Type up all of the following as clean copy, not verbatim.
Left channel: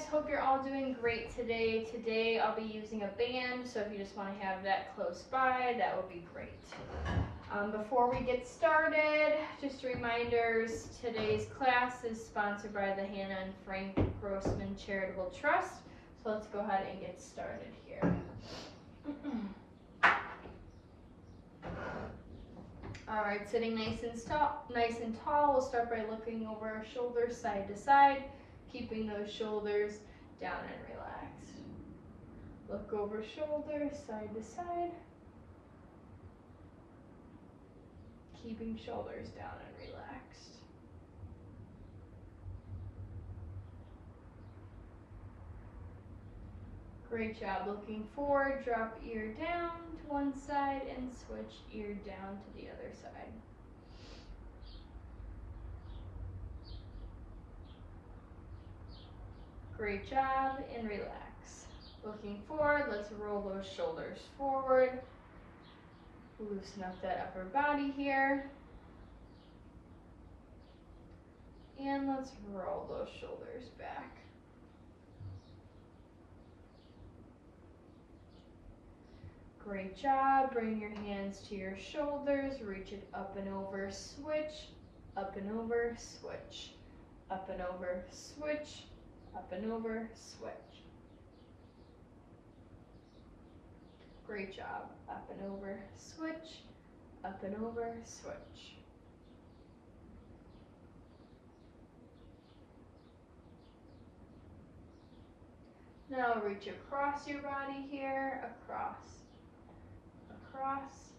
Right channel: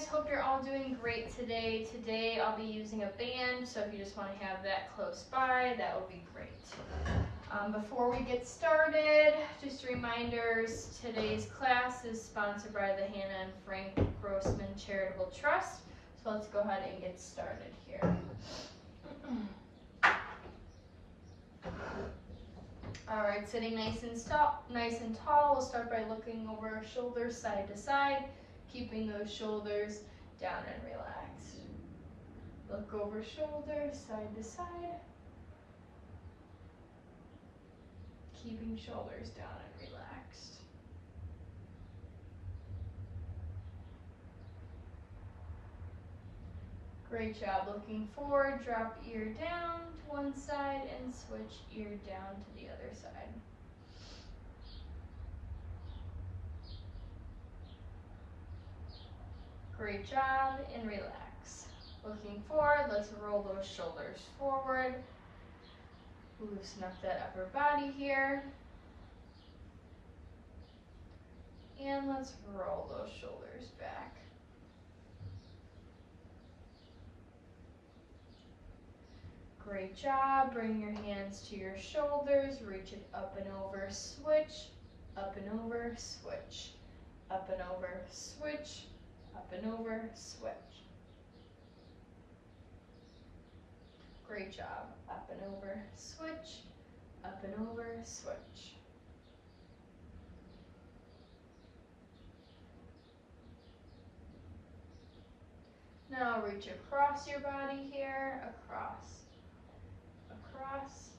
guys, hope you're all doing great today. Today I'll be using a band, so if you just want to have that close by, that would be great. Before we get started, just reminders, today's class is sponsored by the Hannah and Frank Grossman Charitable Trust. So let's go ahead and get started here. All right, sitting nice and tall, we'll start by looking over our shoulders side to side, keeping those shoulders down and relaxed. Look over shoulders side to side, keeping shoulders down and relaxed. Great job. Looking forward, drop ear down to one side and switch ear down to the other side. Great job, and relax. Looking forward, let's roll those shoulders forward. Loosen up that upper body here. And let's roll those shoulders back. Great job. Bring your hands to your shoulders, reach it up and over, switch, up and over, switch, up and over, switch, up and over, switch. Great job. Up and over, switch, up and over, switch. Now reach across your body here, across, across,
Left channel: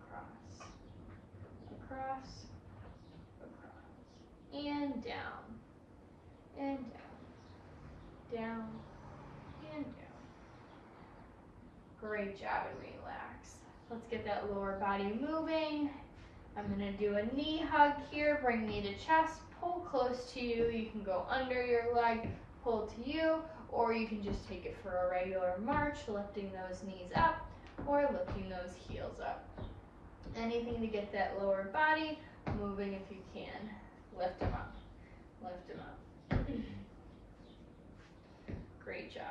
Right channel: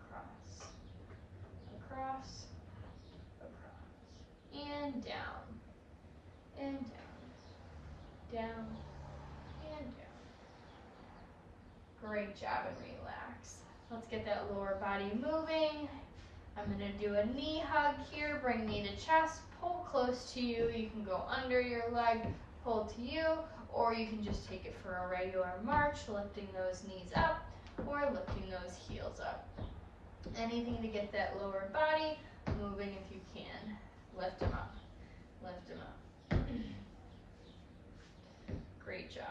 across, across, across, and down, and down, down, and down. Great job, and relax. Let's get that lower body moving. I'm gonna do a knee hug here, bring knee to chest, pull close to you. You can go under your leg, pull to you, or you can just take it for a regular march, lifting those knees up or lifting those heels up. Anything to get that lower body moving if you can. Lift them up, lift them up. Great job.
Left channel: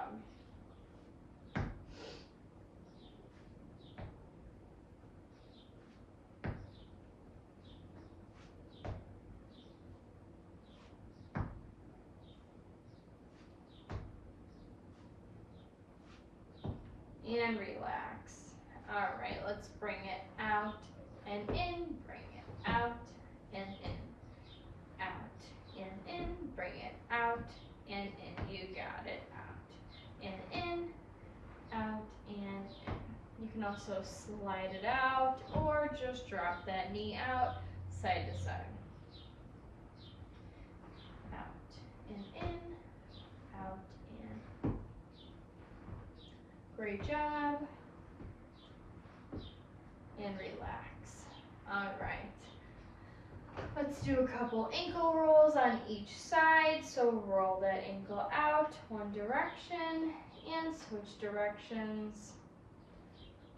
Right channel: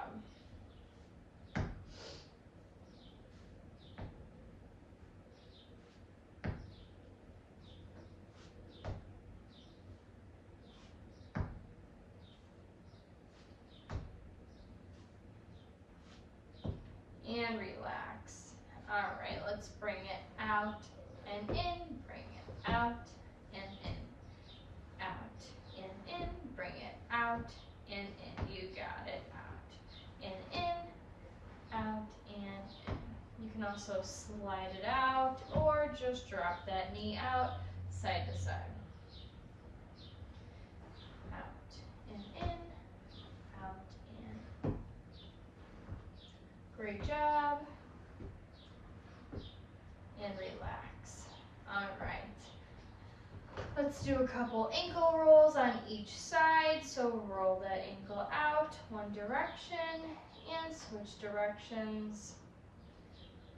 And relax. All right, let's bring it out and in, bring it out and in, out and in, bring it out and in. You got it. Out and in, out and in. You can also slide it out or just drop that knee out side to side. Out and in, out and in. Great job. And relax. All right. Let's do a couple ankle rolls on each side. So roll that ankle out one direction and switch directions.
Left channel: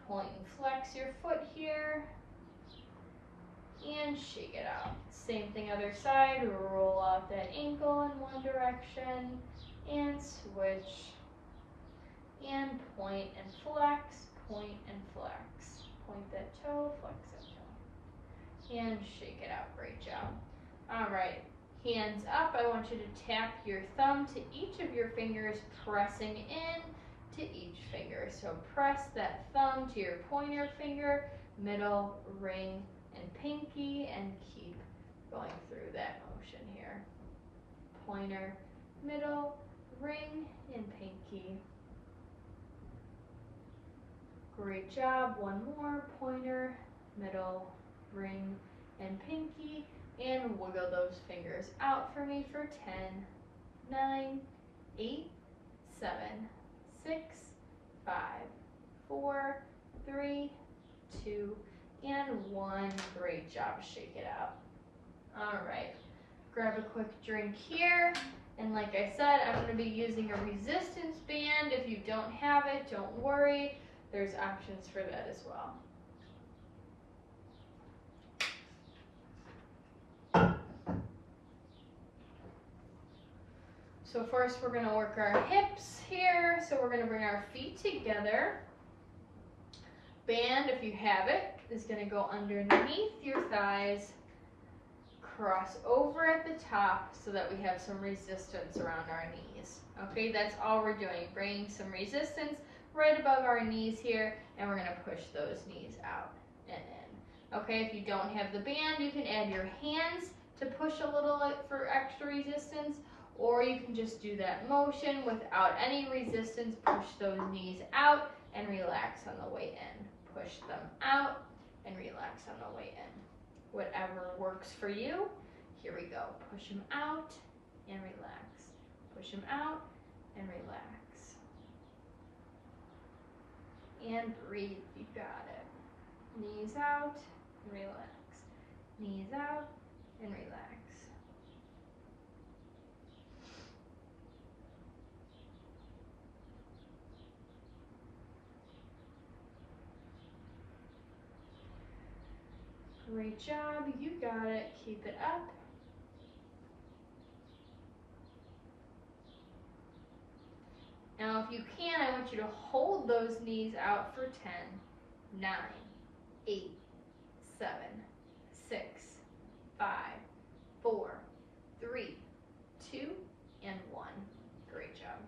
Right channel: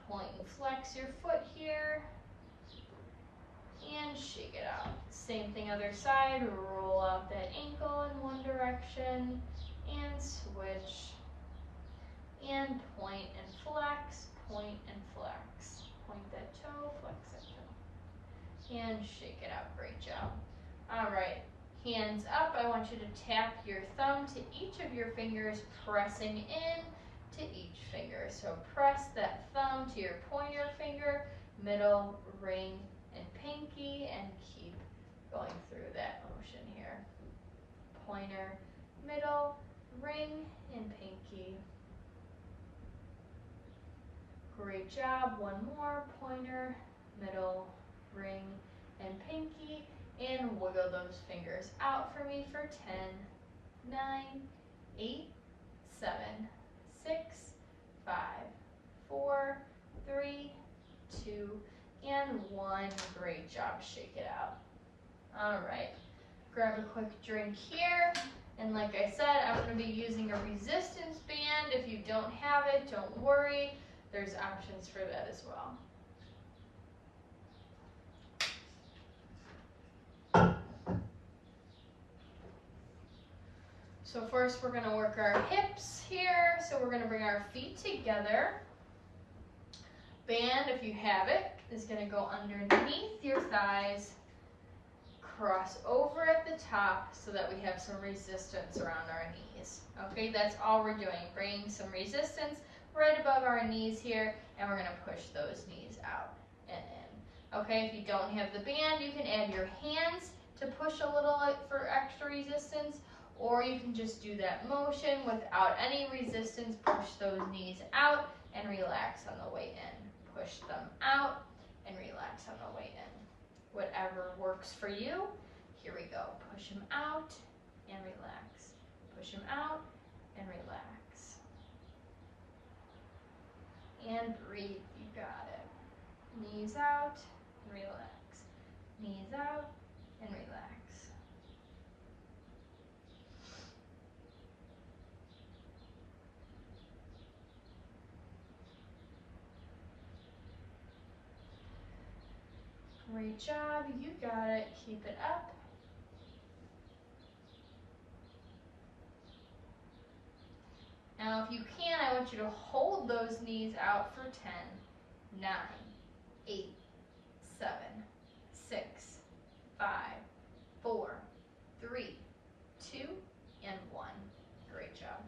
Point and flex your foot here. And shake it out. Same thing other side. Roll out that ankle in one direction and switch. And point and flex, point and flex. Point that toe, flex that toe. And shake it out. Great job. All right, hands up. I want you to tap your thumb to each of your fingers, pressing in to each finger. So press that thumb to your pointer finger, middle, ring, and pinky, and keep going through that motion here. Pointer, middle, ring, and pinky. Great job. One more. Pointer, middle, ring, and pinky. And wiggle those fingers out for me for 10, 9, 8, 7, 6, 5, 4, 3, 2, and 1. Great job. Shake it out. All right. Grab a quick drink here. And like I said, I'm going to be using a resistance band. If you don't have it, don't worry. There's options for that as well. So first we're going to work our hips here. So we're going to bring our feet together. Band, if you have it, is going to go underneath your thighs, cross over at the top so that we have some resistance around our knees. Okay, that's all we're doing, bringing some resistance right above our knees here, and we're going to push those knees out and in. Okay, if you don't have the band, you can add your hands to push a little for extra resistance, or you can just do that motion without any resistance. Push those knees out and relax on the way in. Push them out and relax on the way in. Whatever works for you. Here we go. Push them out and relax. Push them out and relax. And breathe. You got it. Knees out and relax. Knees out and relax. Great job, you got it. Keep it up. Now if you can, I want you to hold those knees out for 10, 9, 8, 7, 6, 5, 4, 3, 2, and 1. Great job.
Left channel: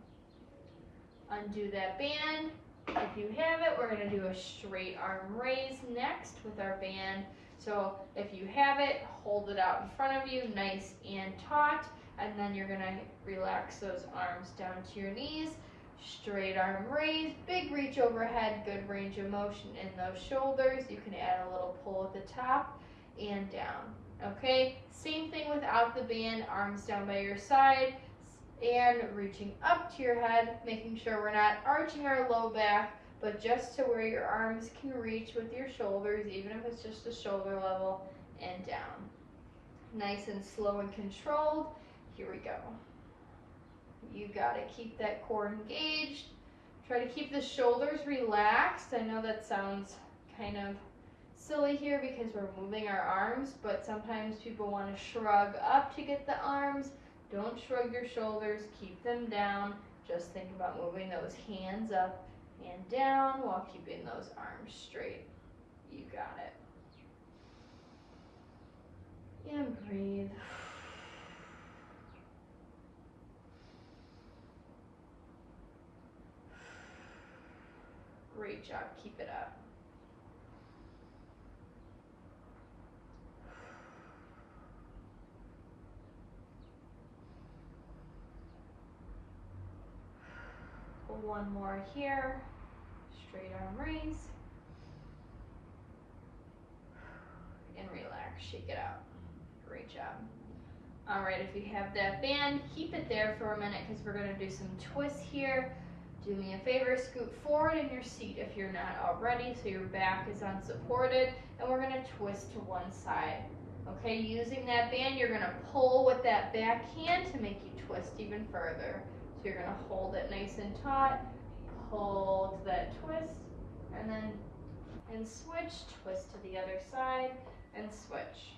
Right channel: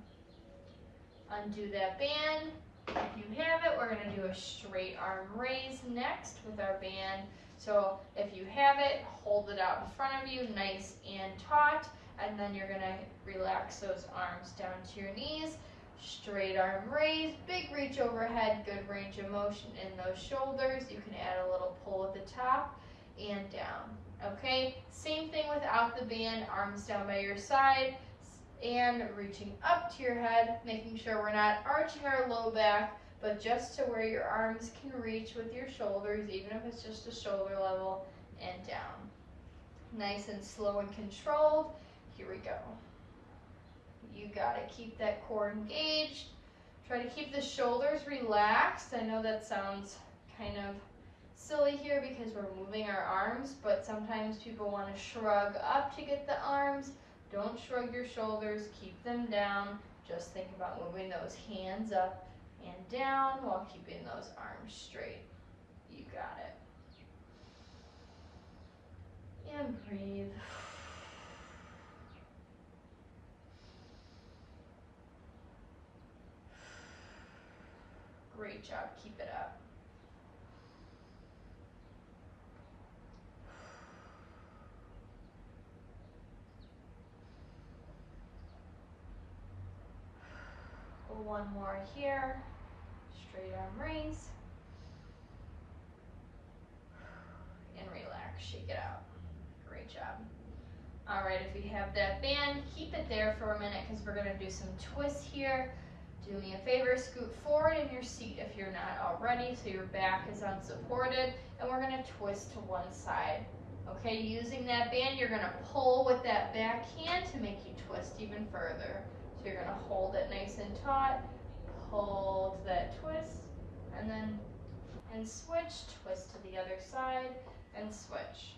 Undo that band. If you have it, we're going to do a straight arm raise next with our band. So if you have it, hold it out in front of you, nice and taut, and then you're going to relax those arms down to your knees. Straight arm raise, big reach overhead, good range of motion in those shoulders. You can add a little pull at the top and down. Okay, same thing without the band, arms down by your side and reaching up to your head, making sure we're not arching our low back, but just to where your arms can reach with your shoulders, even if it's just a shoulder level, and down. Nice and slow and controlled. Here we go. You got to keep that core engaged. Try to keep the shoulders relaxed. I know that sounds kind of silly here because we're moving our arms, but sometimes people want to shrug up to get the arms. Don't shrug your shoulders, keep them down. Just think about moving those hands up and down while keeping those arms straight. You got it. And breathe. Great job, keep it up. One more here, straight arm raise, and relax, shake it out. Great job. All right, if you have that band, keep it there for a minute because we're gonna do some twists here. Do me a favor, scoot forward in your seat if you're not already, so your back is unsupported, and we're gonna twist to one side. Okay, using that band, you're gonna pull with that back hand to make you twist even further. So you're going to hold it nice and taut, pull to that twist, and switch, twist to the other side, and switch.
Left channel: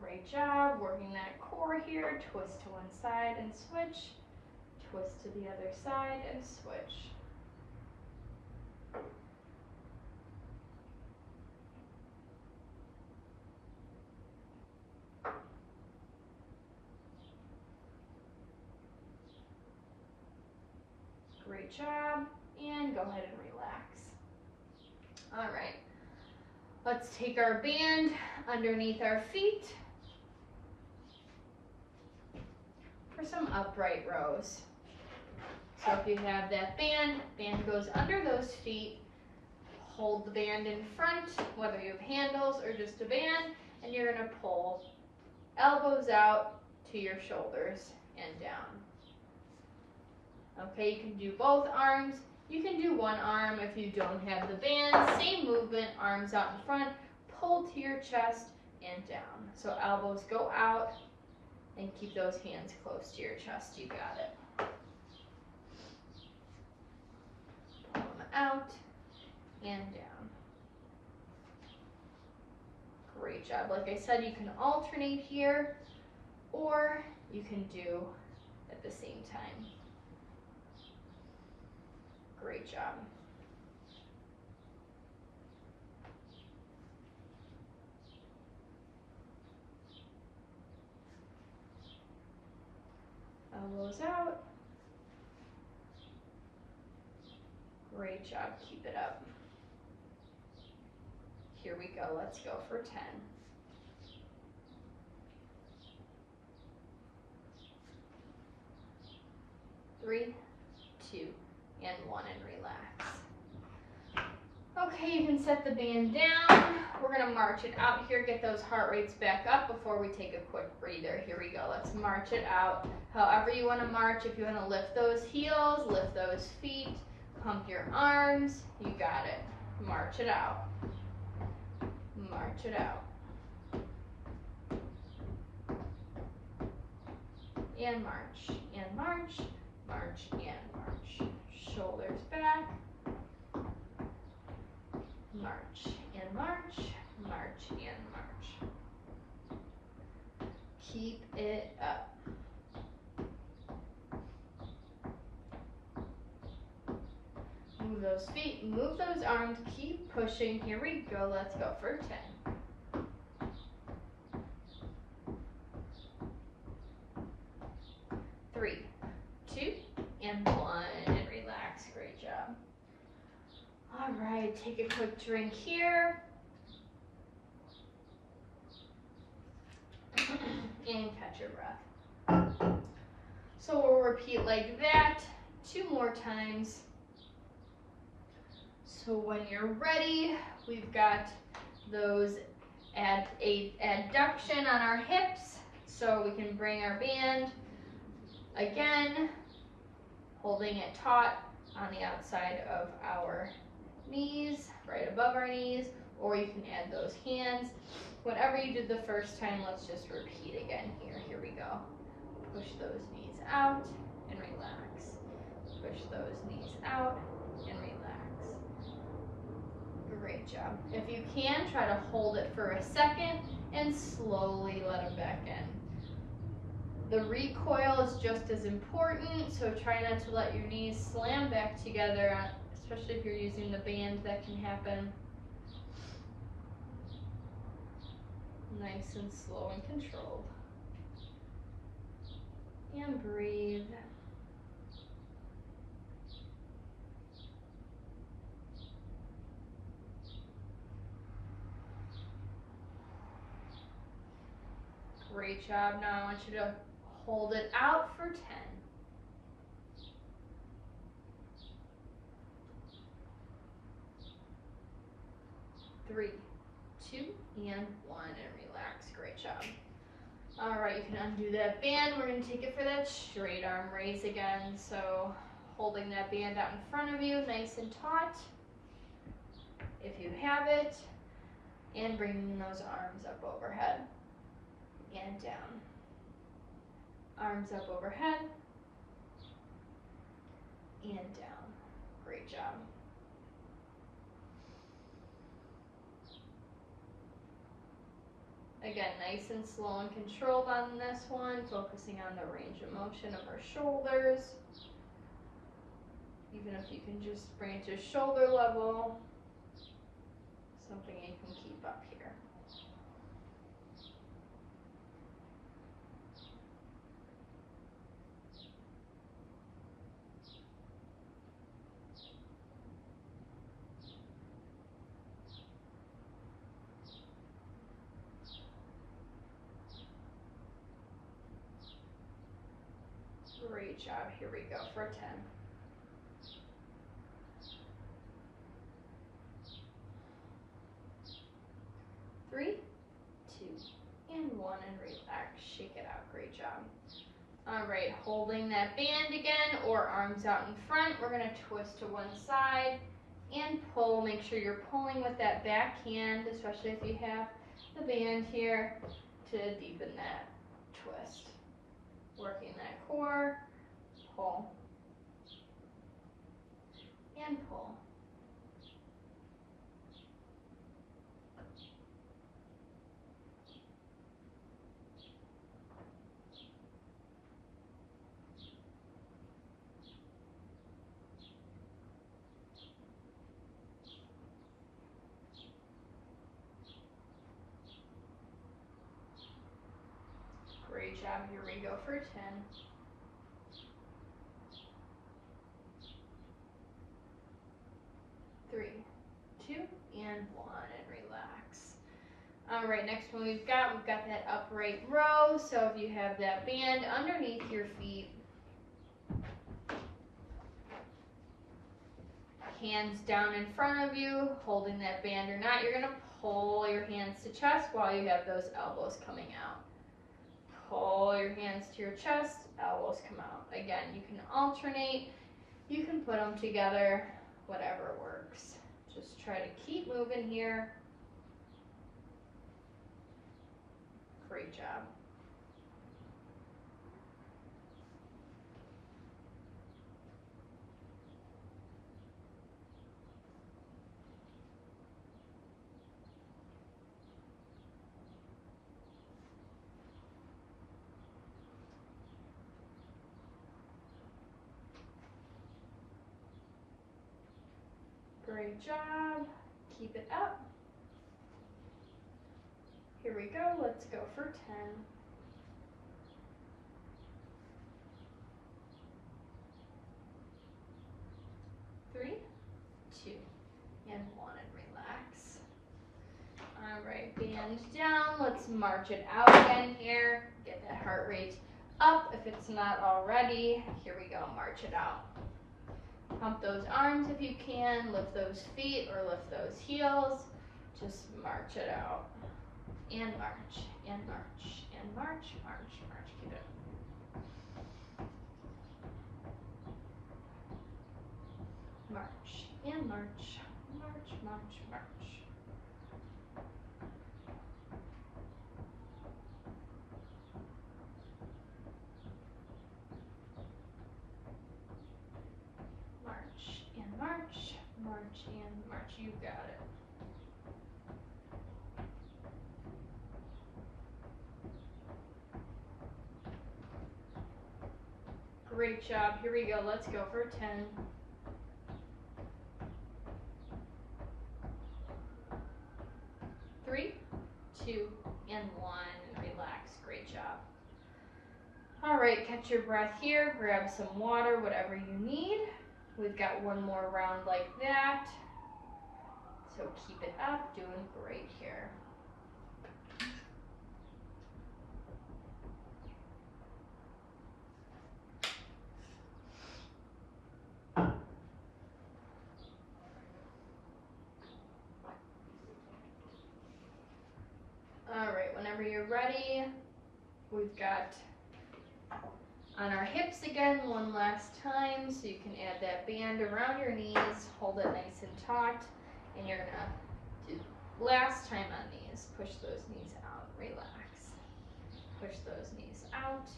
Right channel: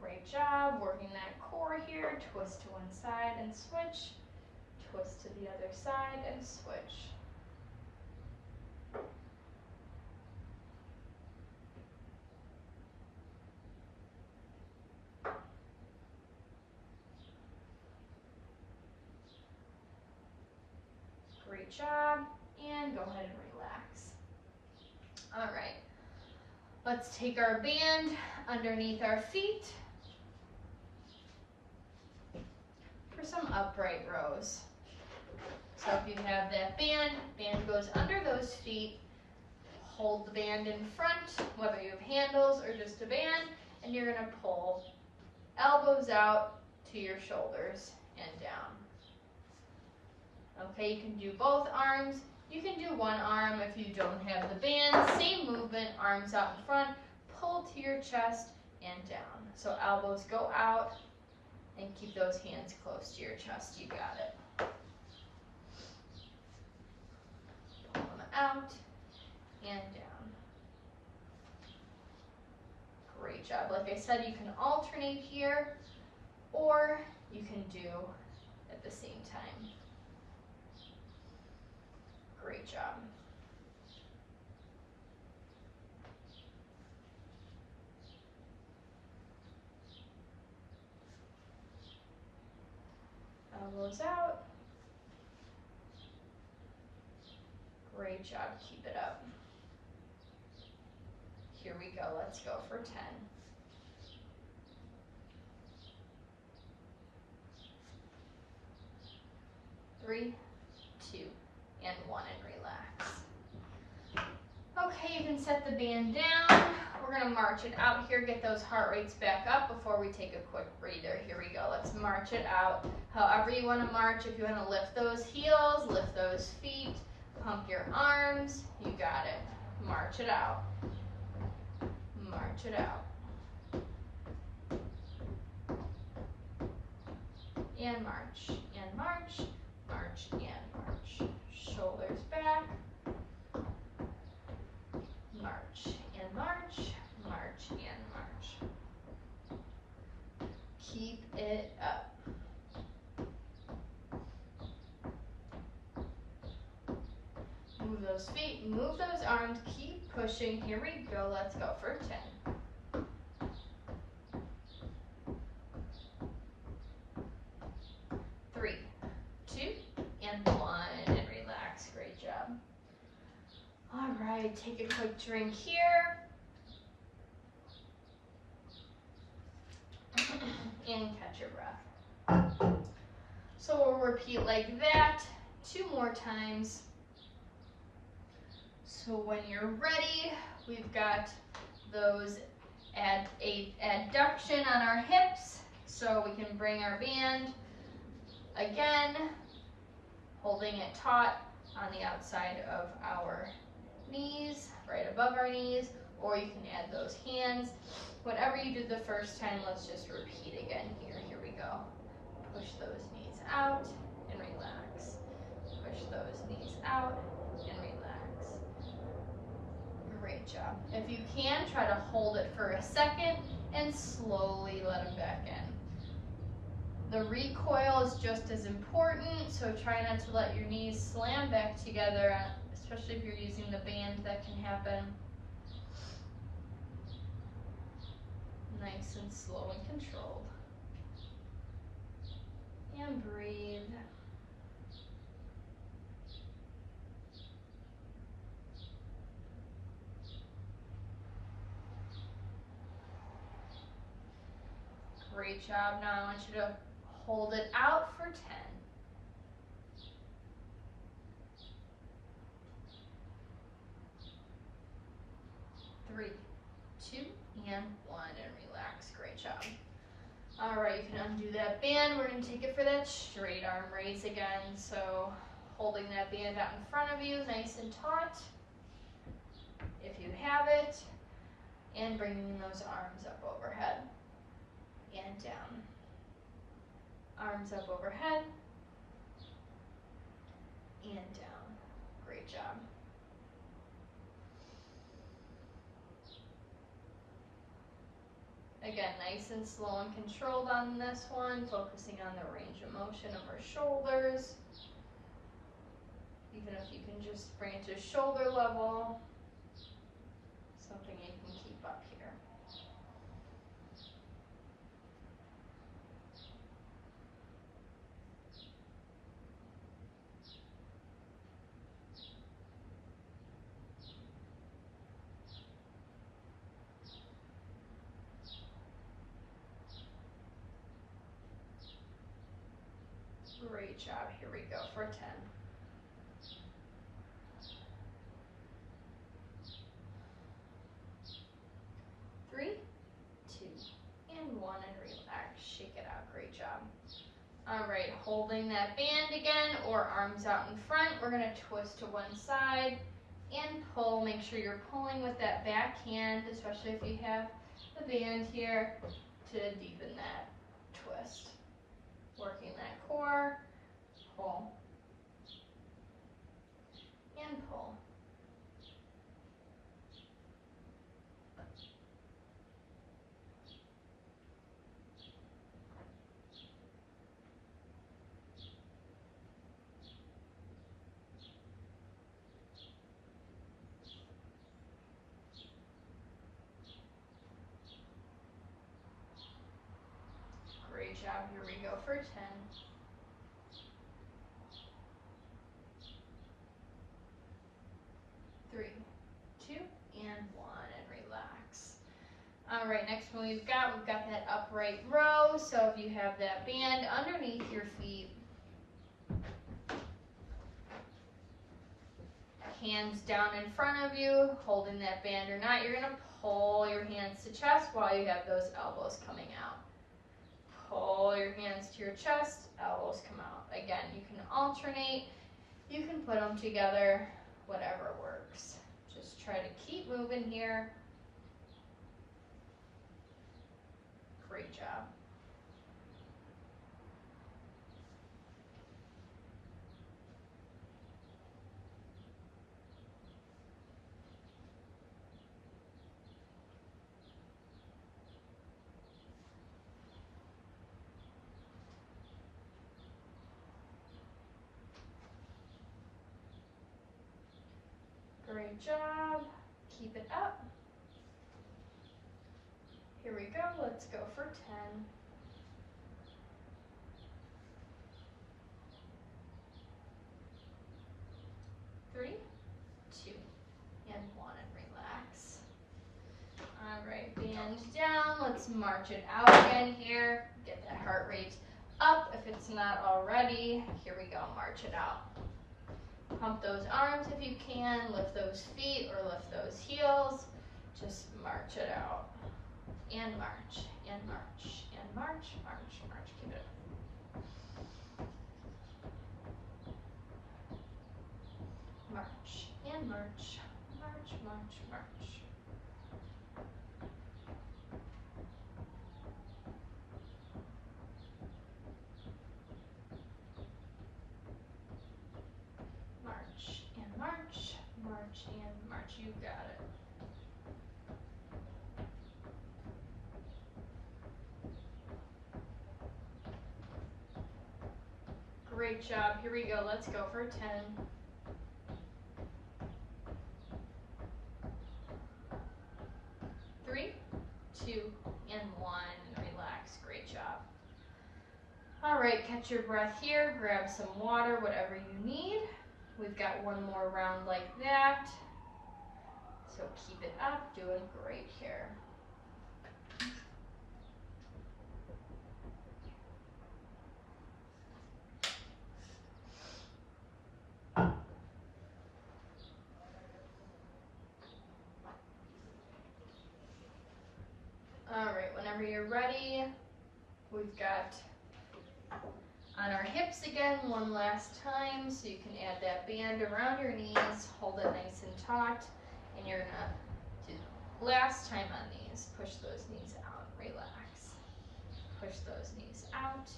Great job, working that core here, twist to one side and switch, twist to the other side and switch. Great job, and go ahead and relax. All right, let's take our band underneath our feet for some upright rows. So if you have that band goes under those feet, hold the band in front, whether you have handles or just a band, and you're gonna pull elbows out to your shoulders and down. Okay, you can do both arms. You can do one arm if you don't have the band. Same movement, arms out in front, pull to your chest and down. So elbows go out and keep those hands close to your chest. You got it. Pull them out and down. Great job. Like I said, you can alternate here, or you can do at the same time. Great job. Elbows out. Great job, keep it up. Here we go, let's go for 10. 3, 2, and 1, and relax. Okay, you can set the band down. We're gonna march it out here, get those heart rates back up before we take a quick breather. Here we go, let's march it out. However you wanna march, if you wanna lift those heels, lift those feet, pump your arms, you got it. March it out. March it out. And march, and march, march, and march. Shoulders back. March, and march, march, and march. Keep it up. Move those feet, move those arms, keep pushing. Here we go, let's go for 10. 3, 2, and 1, and relax. Great job. All right, take a quick drink here. And catch your breath. So we'll repeat like that 2 more times. So when you're ready, we've got those adduction on our hips, so we can bring our band again, holding it taut on the outside of our knees, right above our knees, or you can add those hands. Whatever you did the first time, let's just repeat again here. Here we go. Push those knees out and relax. Push those knees out and relax. Great job. If you can, try to hold it for a second and slowly let it back in. The recoil is just as important, so try not to let your knees slam back together, especially if you're using the band, that can happen. Nice and slow and controlled. And breathe. Great job. Now I want you to hold it out for 10. 3, 2, and 1, and relax. Great job. All right, you can undo that band. We're going to take it for that straight arm raise again. So holding that band out in front of you, nice and taut, if you have it, and bringing those arms up overhead and down. Arms up overhead and down. Great job. Again, nice and slow and controlled on this one, focusing on the range of motion of our shoulders. Even if you can just bring it to shoulder level, something you can keep up here. Great job. Here we go for 10. 3, 2, and 1, and relax. Shake it out. Great job. All right, holding that band again, or arms out in front. We're going to twist to one side and pull. Make sure you're pulling with that back hand, especially if you have the band here, to deepen that twist. Working that core, pull, and pull. job. Here we go for 10. 3, 2, and 1, and relax. All right, next one we've got that upright row. So if you have that band underneath your feet, hands down in front of you, holding that band or not, you're gonna pull your hands to chest while you have those elbows coming out. Pull your hands to your chest, elbows come out. Again, you can alternate, you can put them together, whatever works. Just try to keep moving here. Great job. Great job. Keep it up. Here we go. Let's go for 10. 3, 2, and 1, and relax. All right, band down. Let's march it out again here. Get that heart rate up if it's not already. Here we go. March it out. Pump those arms if you can, lift those feet or lift those heels. Just march it out. And march, and march, and march, march, march. Keep it up. March, and march, march, march, march. March, and march, march, and march. You got it. Great job. Here we go. Let's go for 10. 3, 2, and 1. Relax. Great job. All right, catch your breath here. Grab some water, whatever you need. We've got one more round like that. So keep it up. Doing great here. All right, whenever you're ready, we've got on our hips again one last time, so you can add that band around your knees, hold it nice and taut, and you're gonna do last time on these. Push those knees out, relax. Push those knees out,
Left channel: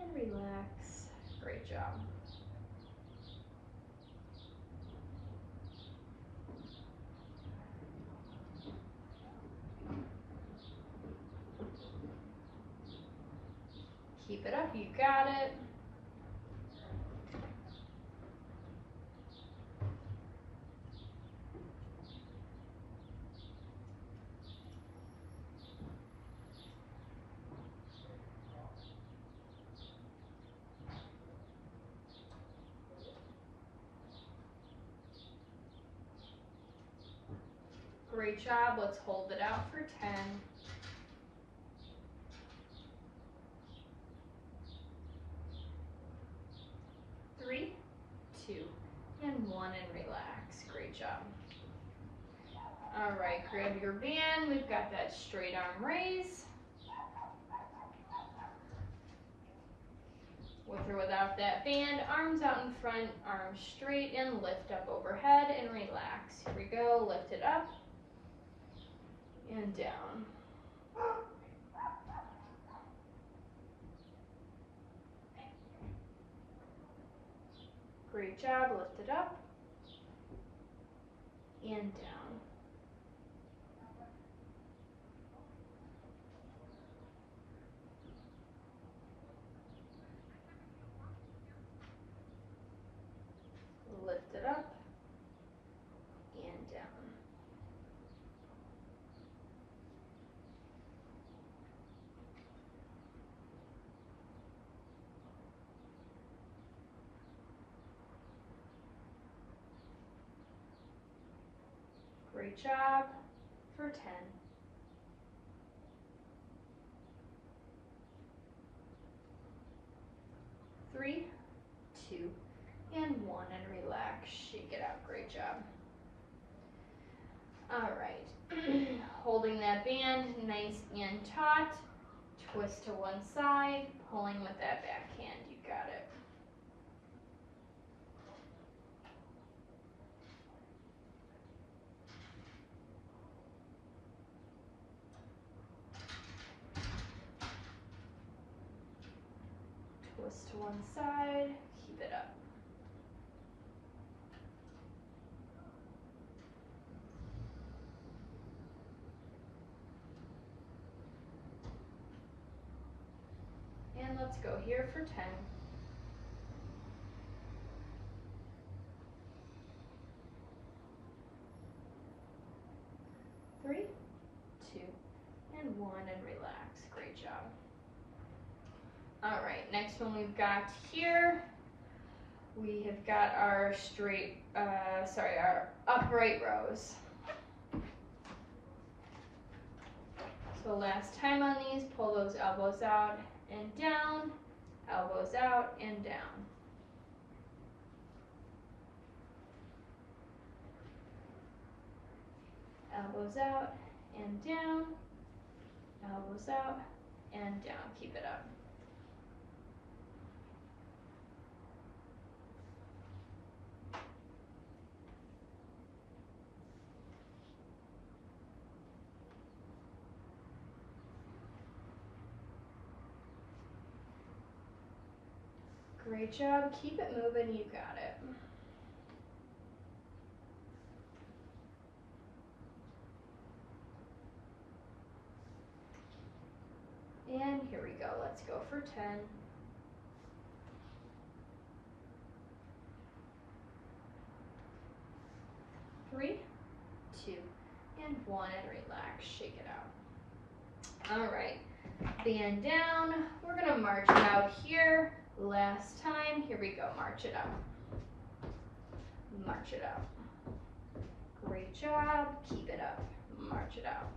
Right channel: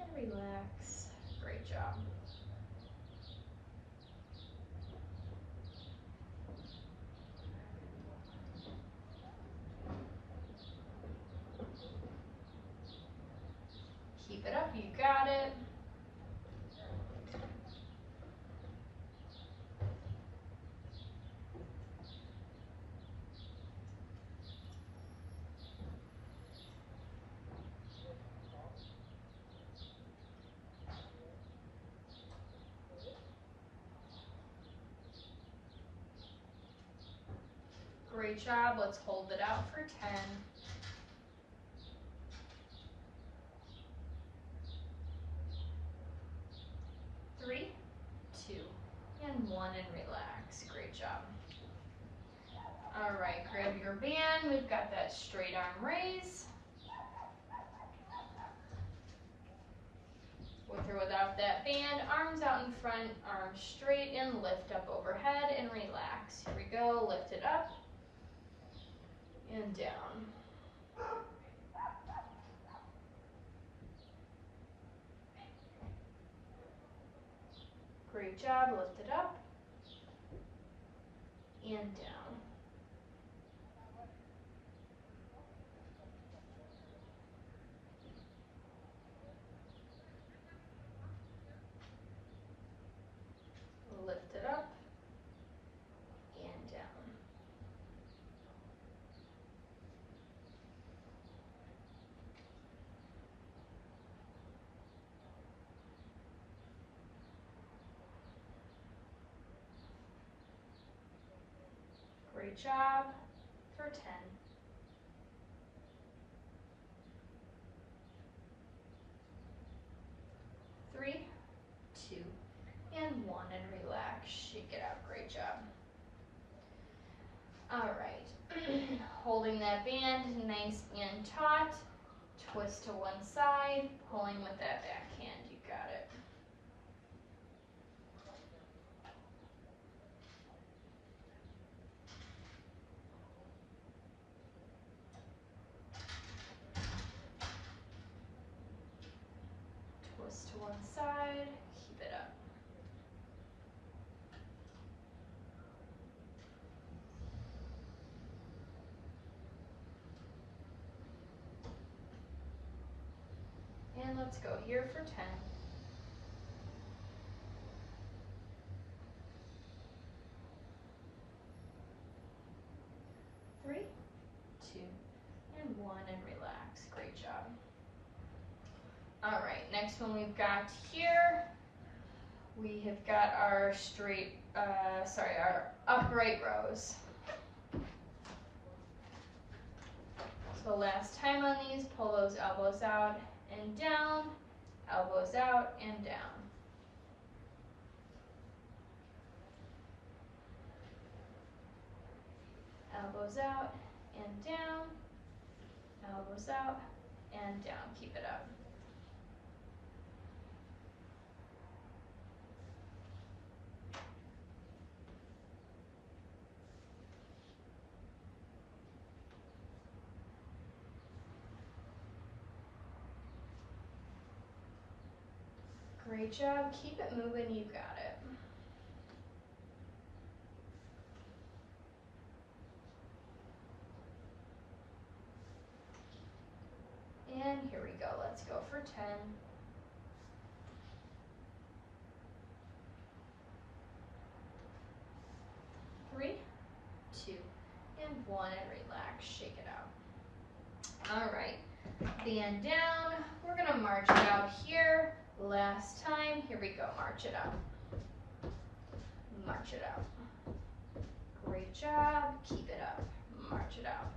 and relax. Great job. Keep it up, you got it. Great job, let's hold it out for 10. 3, 2, and 1, and relax. Great job. All right, grab your band. We've got that straight arm raise. With or without that band, arms out in front, arms straight, and lift up overhead and relax. Here we go, lift it up and down. Great job, lift it up and down. Lift it up and down. Great job for 10. 3, 2, and 1, and relax. Shake it out. Great job. All right. Holding that band nice and taut. Twist to one side, pulling with that back hand. You got it. Twist to one side, keep it up. And let's go here for 10. 3, 2, and 1, and relax. Great job. All right, next one we've got here, we have got our our upright rows. So last time on these, pull those elbows out and down, elbows out and down. Elbows out and down, elbows out and down. Keep it up. Great job. Keep it moving. You got it. And here we go. Let's go for 10. 3, 2, and 1, and relax. Shake it out. All right. Band down. We're going to march it out here. Last time. Here we go. March it out. March it out. Great job. Keep it up. March it out.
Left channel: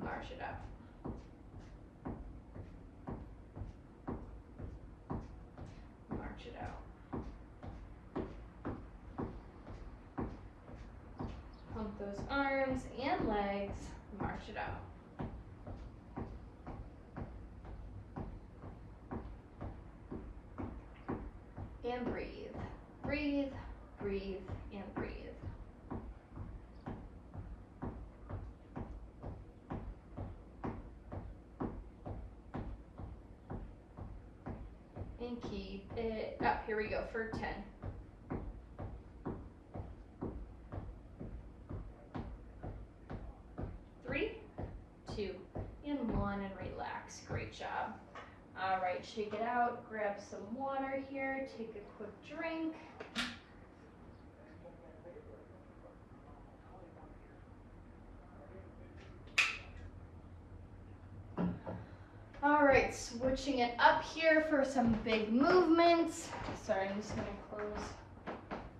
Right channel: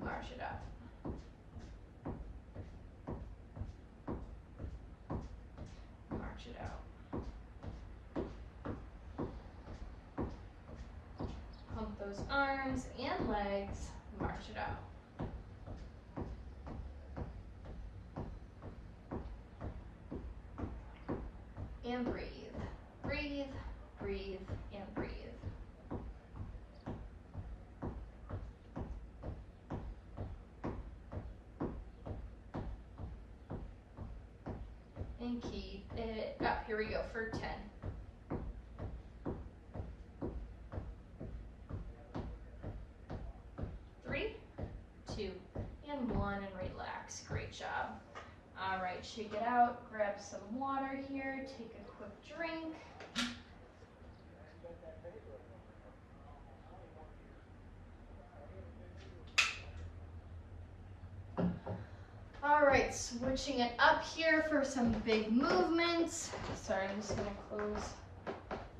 March it out. March it out. Pump those arms and legs. March it out. And breathe. Breathe, breathe, and breathe. And keep it up. Here we go for 10. 3, 2, and 1, and relax. Great job. All right, shake it out. Grab some water here. Take a quick drink. All right, switching it up here for some big movements. Sorry, I'm just gonna close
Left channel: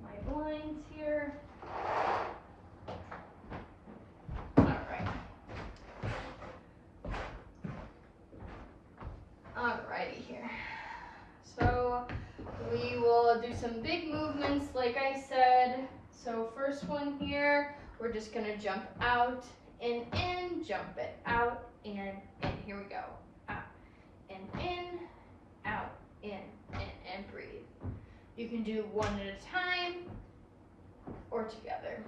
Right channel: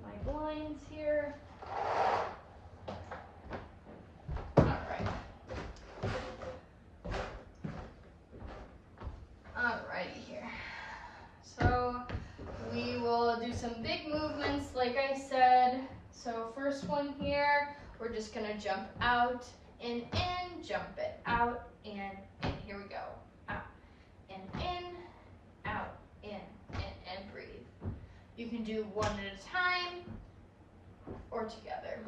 my blinds here. All right. Alrighty here. So we will do some big movements like I said. So first one here, we're just gonna jump out and in, jump it out and in. Here we go. Out and in, out, in, and breathe. You can do one at a time or together.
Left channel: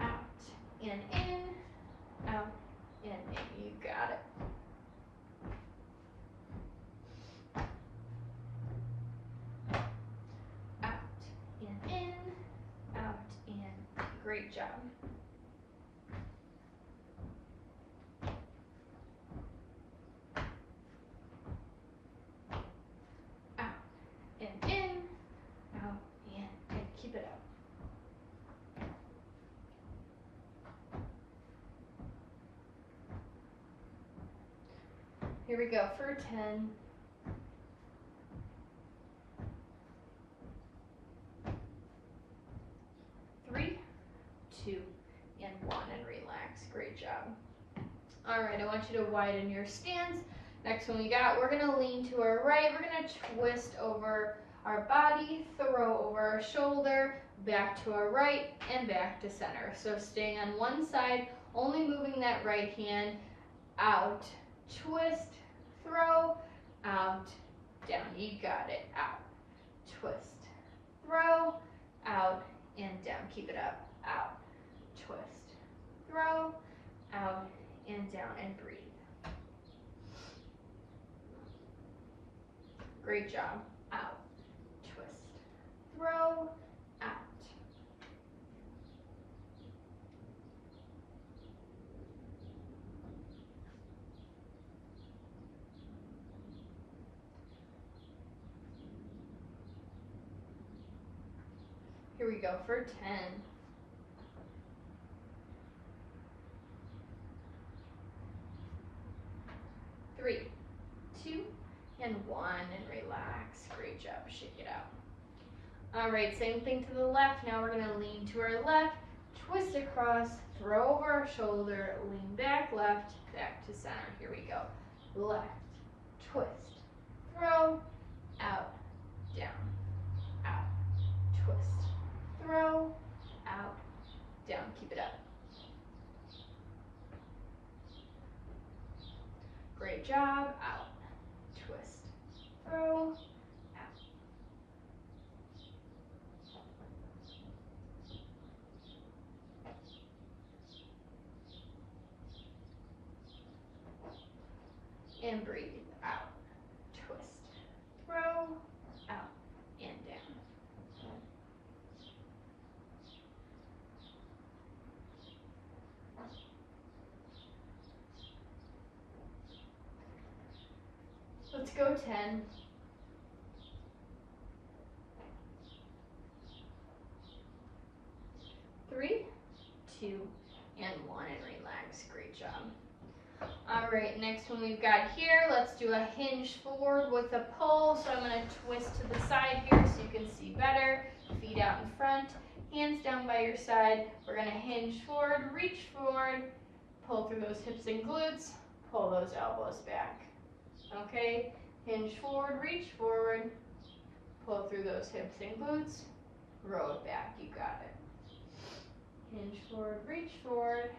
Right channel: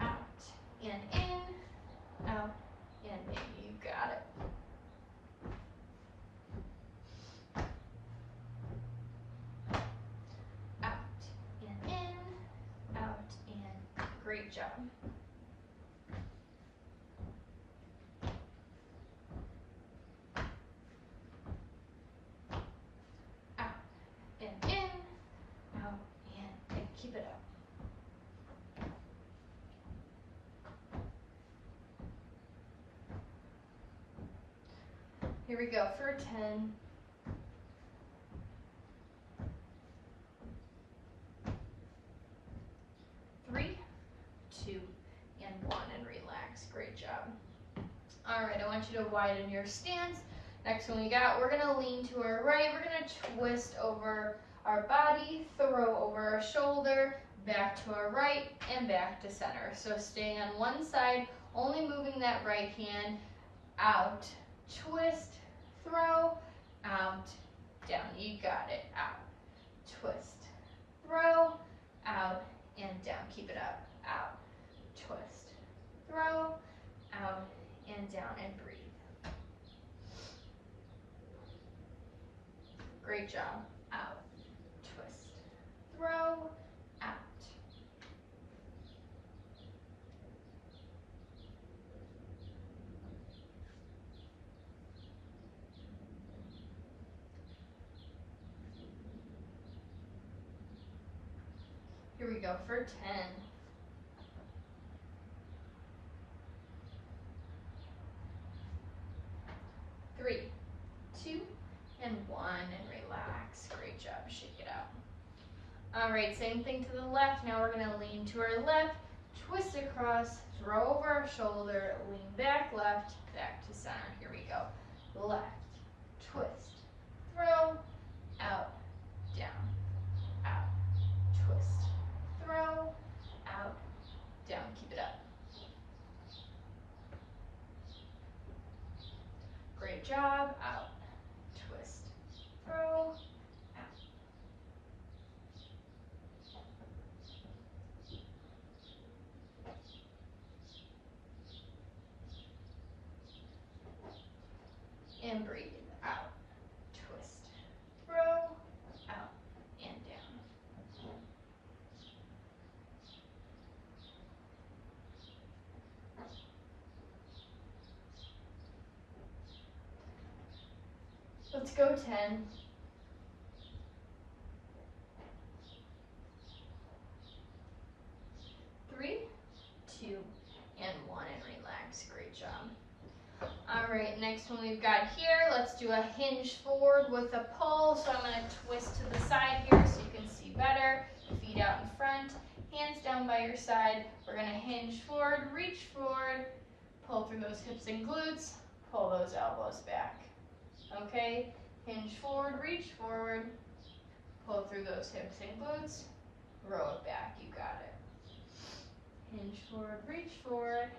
Out and in, out and in. You got it. Out and in, out and great job. Keep it up. Here we go for 10. 3, want you to widen your stance. Next one we got, we're gonna lean to our right. We're gonna twist over our body, throw over our shoulder, back to our right, and back to center. So stay on one side, only moving that right hand, out, twist, throw, out, down. You got it. Out, twist, throw, out, and down. Keep it up. Out, twist, throw, out, and down, and breathe. Great job. Out, twist, throw, out. Here we go for 10. 3, 2, and 1, and relax. Great job. Shake it out. All right, same thing to the left. Now we're gonna lean to our left, twist across, throw over our shoulder, lean back left, back to center. Here we go. Left, twist, throw, out, down, out, twist, throw, out, down. Keep it up. Great job. Out, twist, throw, out. And breathe. Out, twist, throw, out, and down. Let's go 10. 3, 2, and 1, and relax. Great job. All right, next one we've got here, let's do a hinge forward with a pull. So I'm gonna twist to the side here so you can see better. Feet out in front, hands down by your side. We're gonna hinge forward, reach forward, pull through those hips and glutes, pull those elbows back. Okay, hinge forward, reach forward, pull through those hips and glutes, row it back. You got it. Hinge forward, reach forward,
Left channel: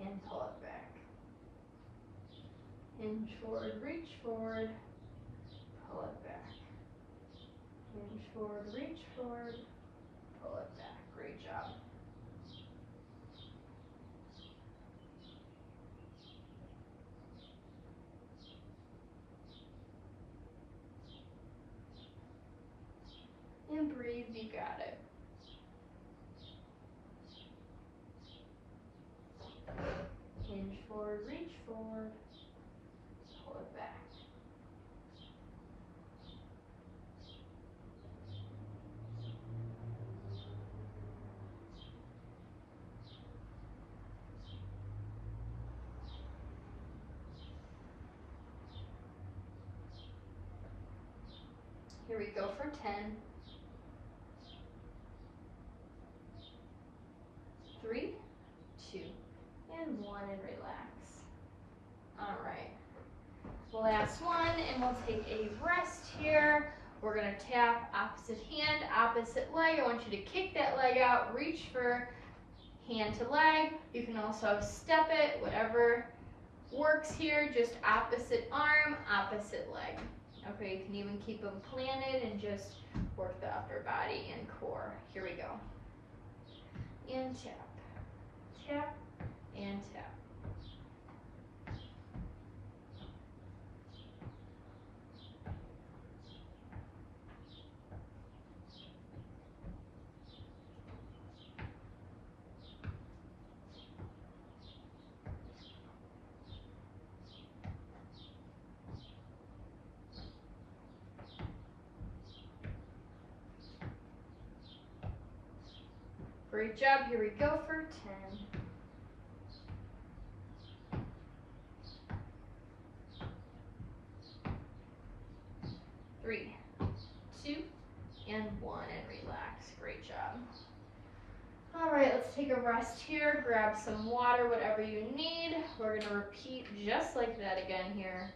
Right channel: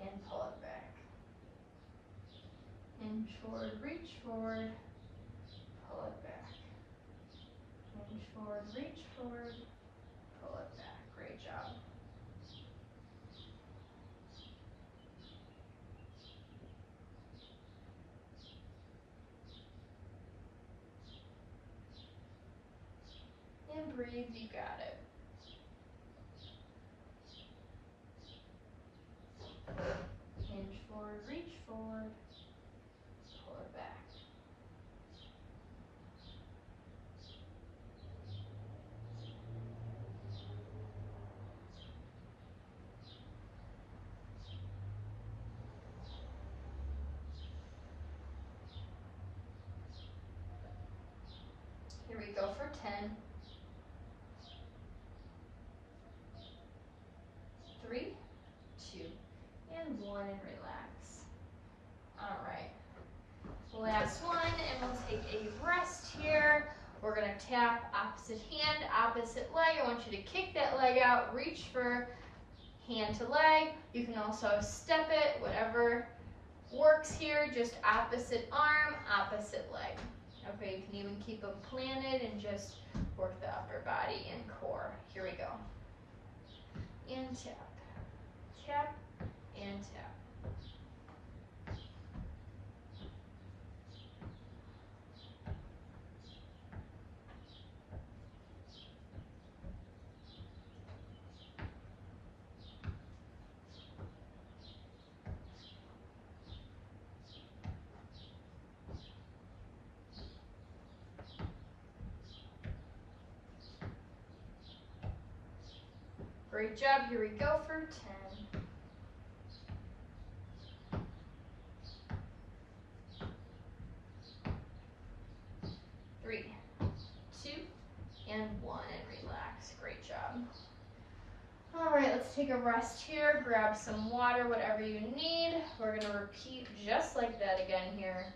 and pull it back. Hinge forward, reach forward, pull it back. Hinge forward, reach forward, pull it back. Great job. And breathe, you got it. Hinge forward, reach forward, pull it back. Here we go for 10. 3, 2, and 1, and relax. All right. Last one, and we'll take a rest here. We're gonna tap opposite hand, opposite leg. I want you to kick that leg out, reach for hand to leg. You can also step it, whatever works here, just opposite arm, opposite leg. Okay, you can even keep them planted and just work the upper body and core. Here we go. And tap, tap, and tap. Great job. Here we go for 10. 3, 2, and 1, and relax. Great job. All right, let's take take a rest here, grab some water, whatever you need. We're gonna repeat just like that again here.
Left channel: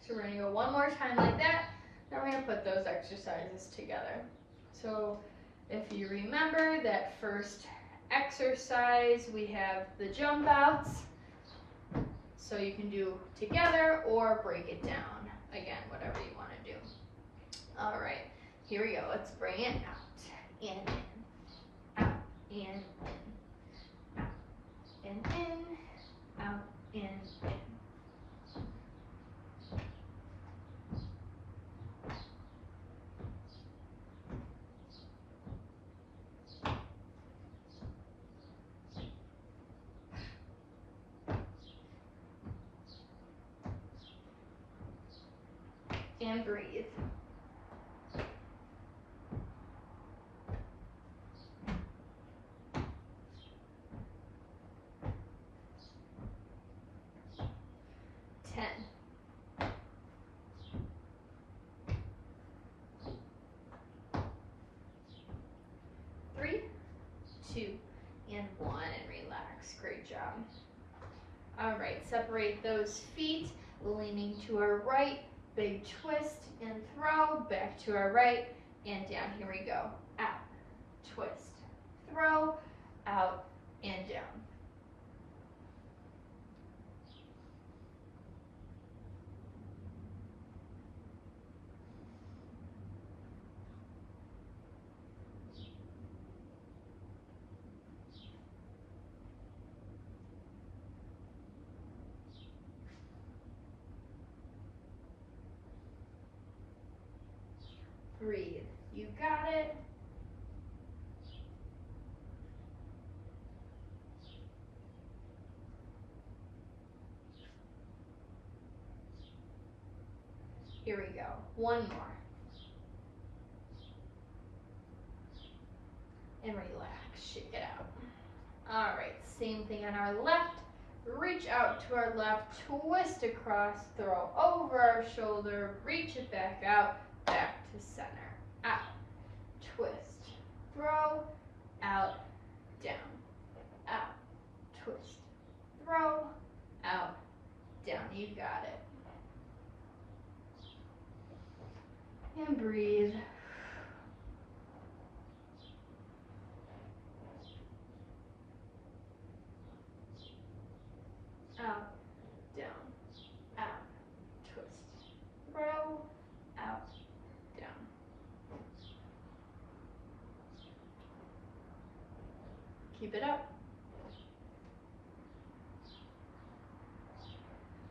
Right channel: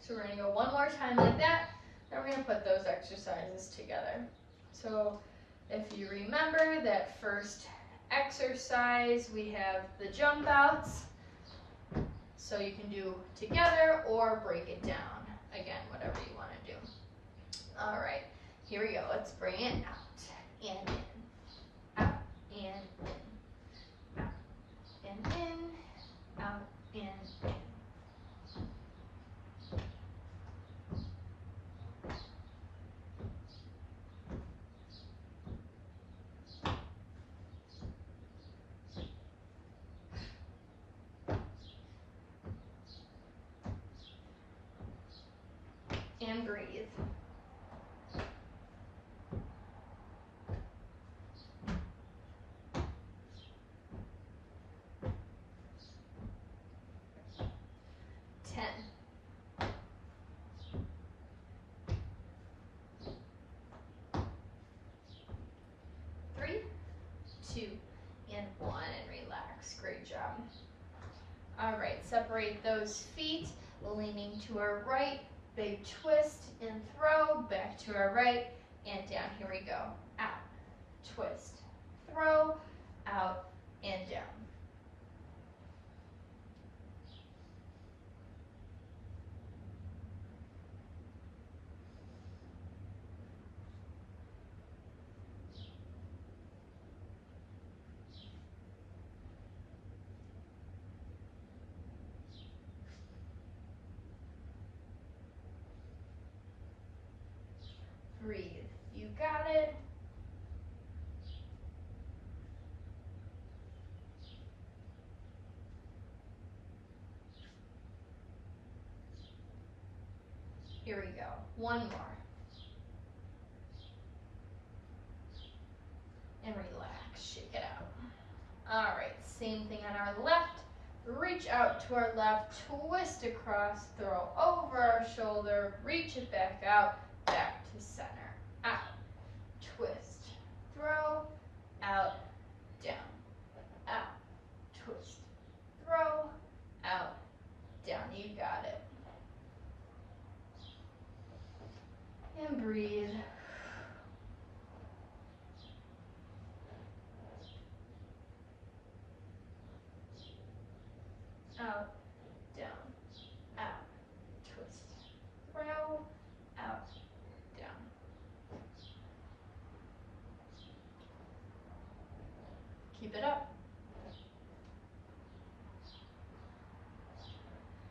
So we're gonna go one more time like that, then we're gonna put those exercises together. So if you remember that first exercise, we have the jump outs. So you can do together or break it down. Again, whatever you wanna do. All right, here we go. Let's bring it out and in, out and in, out and in, out and in. And breathe. Three, two, and one, and relax. Great job. All right, separate those feet, leaning to our right, big twist and throw, back to our right, and down. Here we go. Out, twist, throw, out, and down. Breathe. You got it. Here we go. One more. And relax. Shake it out. All right, same thing on our left. Reach out to our left, twist across, throw over our shoulder, reach it back out, back to center. Out, twist, throw, out, down, out, twist, throw, out, down. You got it. And breathe. Out, down, out, twist, throw, out, down. Keep it up.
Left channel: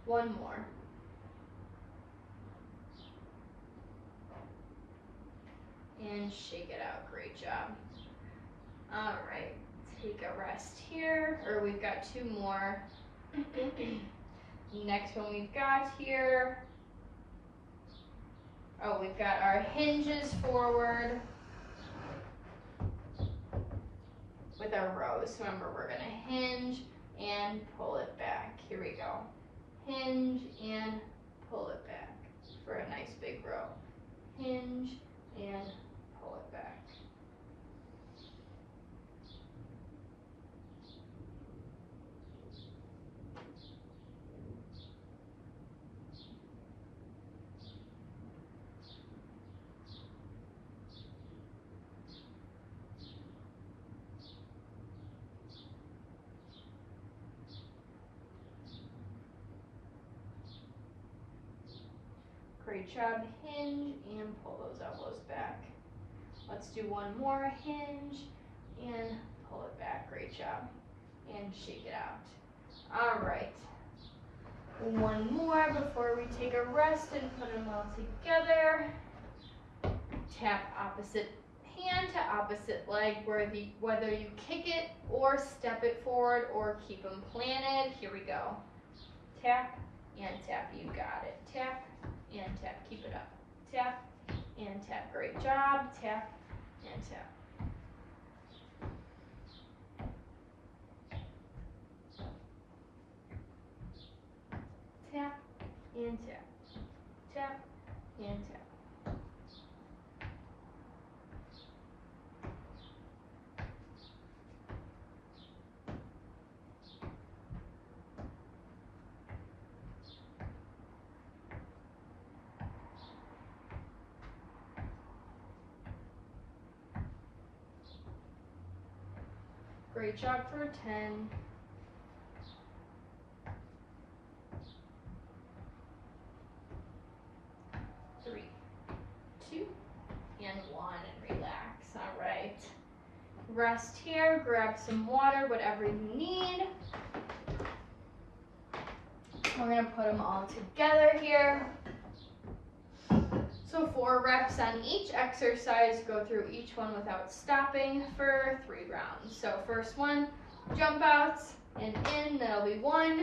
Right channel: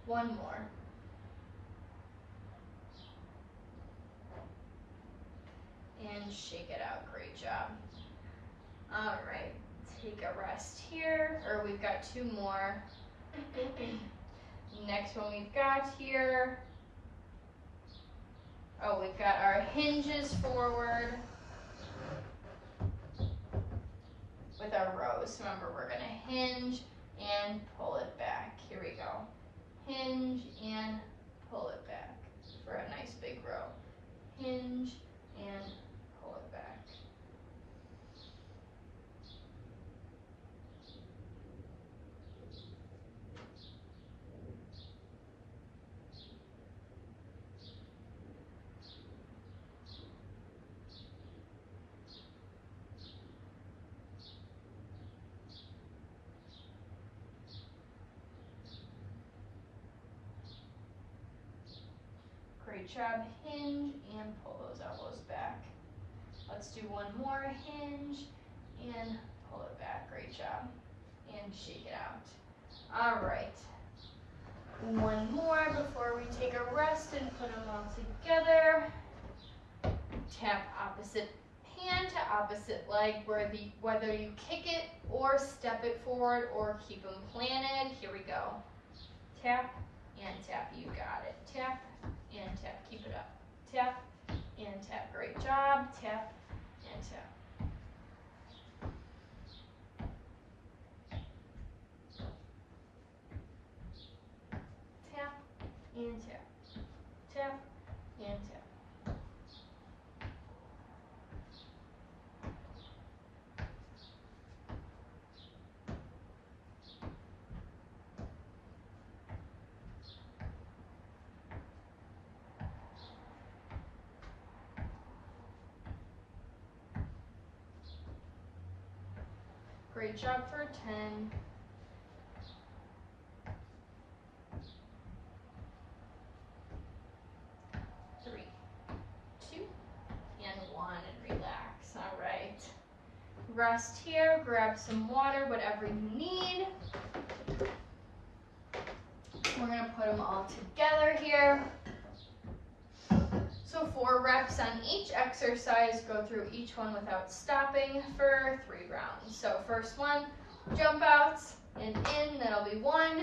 One more. And shake it out. Great job. All right, take a rest here, or we've got two more. Next one we've got here, oh, we've got our hinges forward with our rows. So remember, we're gonna hinge and pull it back. Here we go. Hinge and pull it back for a nice big row. Hinge and pull it back. Great job. Hinge and pull those elbows back. Let's do one more. Hinge and pull it back. Great job. And shake it out. All right. One more before we take a rest and put them all together. Tap opposite hand to opposite leg, whether you kick it or step it forward or keep them planted. Here we go. Tap and tap. You got it. Tap and tap. Keep it up. Tap and tap. Great job. Tap and tap. Tap and tap. Tap and tap. Great job for 10. 3, 2, and 1, and relax. All right. Rest here, grab some water, whatever you need. We're gonna put them all together here. So 4 reps on each exercise, go through each one without stopping for 3 rounds. So first one, jump outs and in, that'll be 1.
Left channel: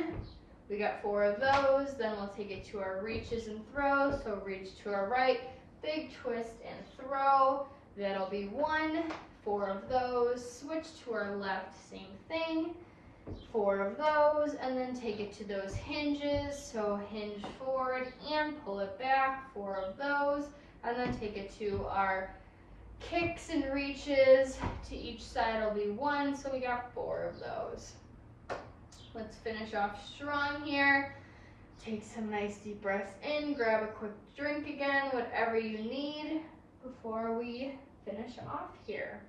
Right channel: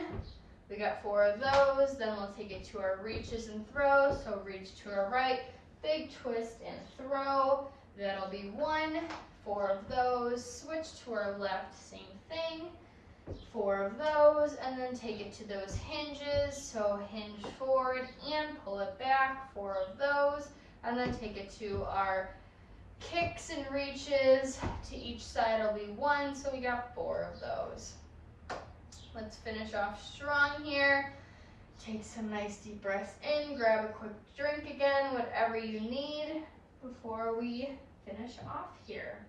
We got 4 of those, then we'll take it to our reaches and throws. So reach to our right, big twist and throw, that'll be 1. 4 of those, switch to our left, same thing. 4 of those, and then take it to those hinges. So hinge forward and pull it back, 4 of those, and then take it to our kicks and reaches. To each side will be 1, so we got 4 of those. Let's finish off strong here. Take some nice deep breaths in, grab a quick drink again, whatever you need before we finish off here.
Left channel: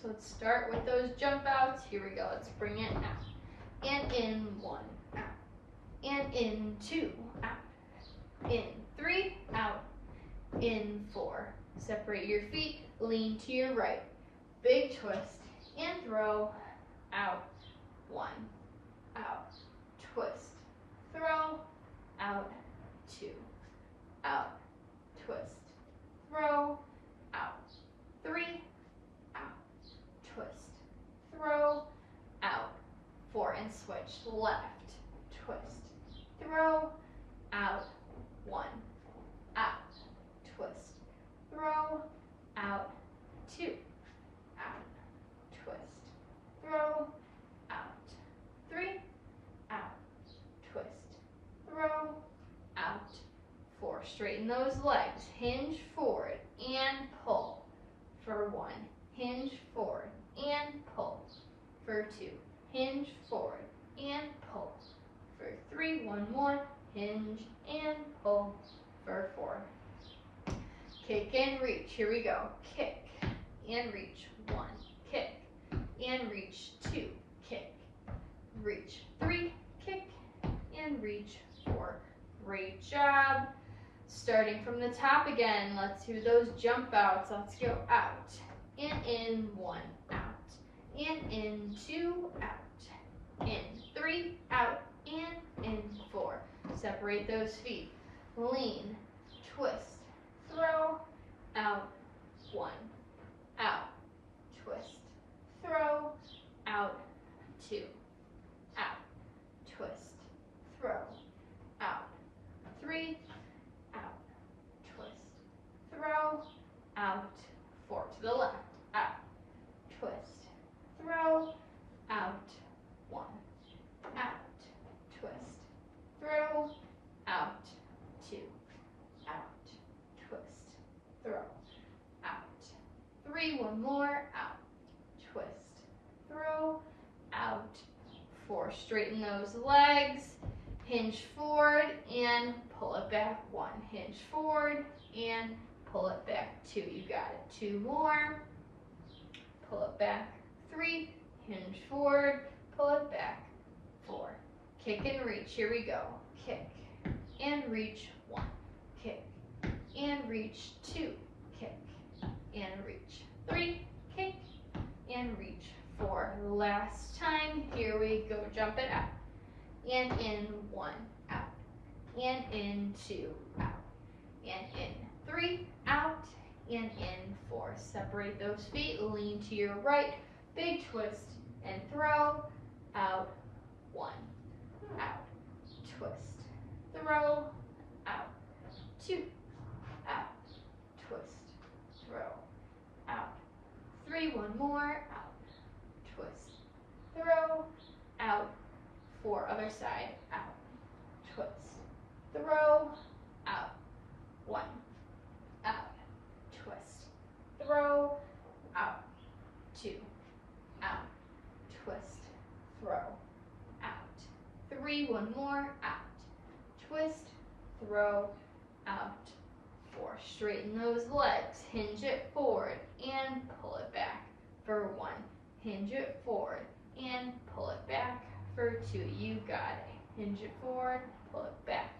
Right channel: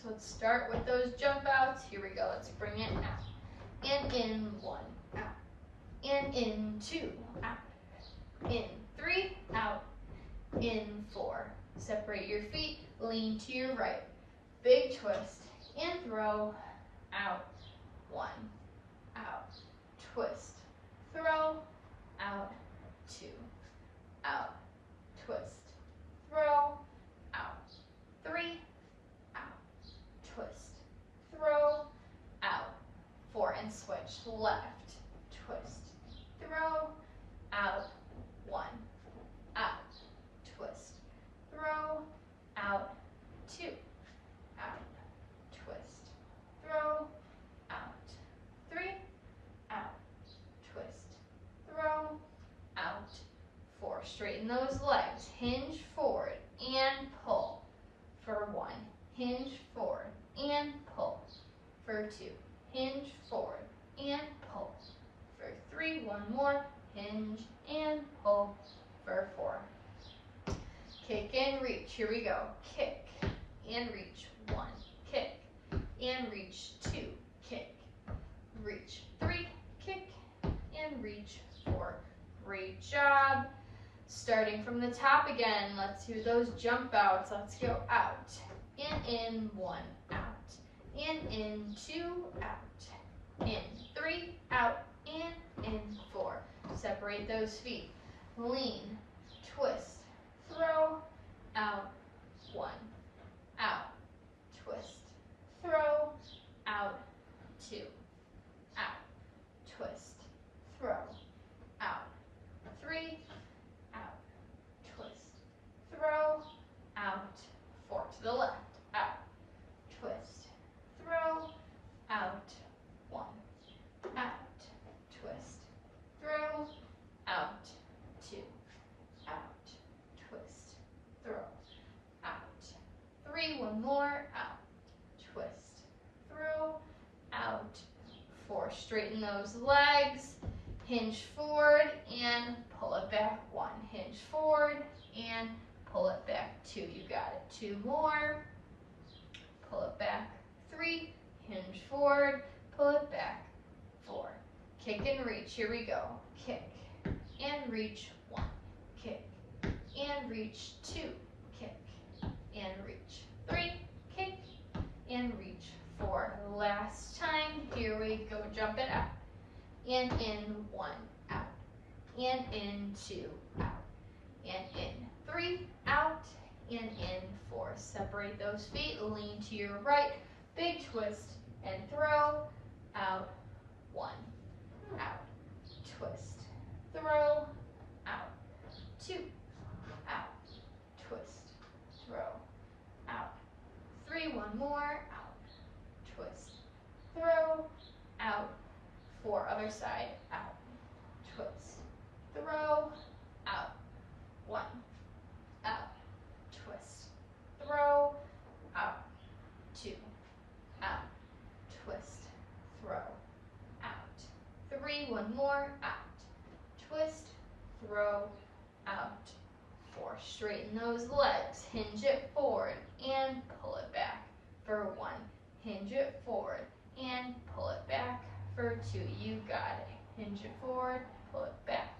So let's start with those jump outs. Here we go, let's bring it out. And in, 1, out. And in, 2, out. In, 3, out. In, 4. Separate your feet, lean to your right. Big twist and throw, out. 1, out. Twist, throw, out. 2, out. Twist, throw, out. 3, twist, throw, out. 4, and switch, left, twist, throw, out. 1, out, twist, throw, out. 2, out, twist, throw, out. 3, out, twist, throw, out. 4, straighten those legs, hinge forward and pull for 1, hinge forward and pull for 2, hinge forward and pull for 3, 1 more, hinge and pull for 4. Kick and reach, here we go. Kick and reach, 1, kick and reach, 2, kick, reach, 3, kick and reach, 4. Great job. Starting from the top again, let's do those jump outs. Let's go out and in, 1, out, and in, 2, out, in, 3, out, and in, 4. Separate those feet, lean, twist, throw, out, 1, out, twist, throw, out, 2, out, twist, throw, out, 3, out, twist, throw, out, 4 to the left, out, twist, throw, out, 1, out, twist, throw, out, 2, out, twist, throw, out, 3, 1 more, out, twist, throw, out, 4. Straighten those legs, hinge forward and pull it back, 1, hinge forward and pull it back, 2, you got it. 2 more, pull it back, 3, hinge forward, pull it back, 4. Kick and reach, here we go. Kick and reach, 1, kick and reach, 2, kick and reach, 3, kick and reach, 4. Last time, here we go, jump it out. And in, 1, out, and in, 2, out, and in, 3, out, and in, 4. Separate those feet, lean to your right, big twist and throw, out, 1, out, twist, throw, out, 2, out, twist, throw, out, 3, 1 more, out, twist, throw, out, 4, other side, out, twist, throw, out, 1, out, twist, throw, out, 2, out, twist, throw, out, 3, 1 more, out, twist, throw, out, 4. more. Straighten those legs. Hinge it forward and pull it back for 1. Hinge it forward and pull it back for 2. You got it. Hinge it forward, pull it back.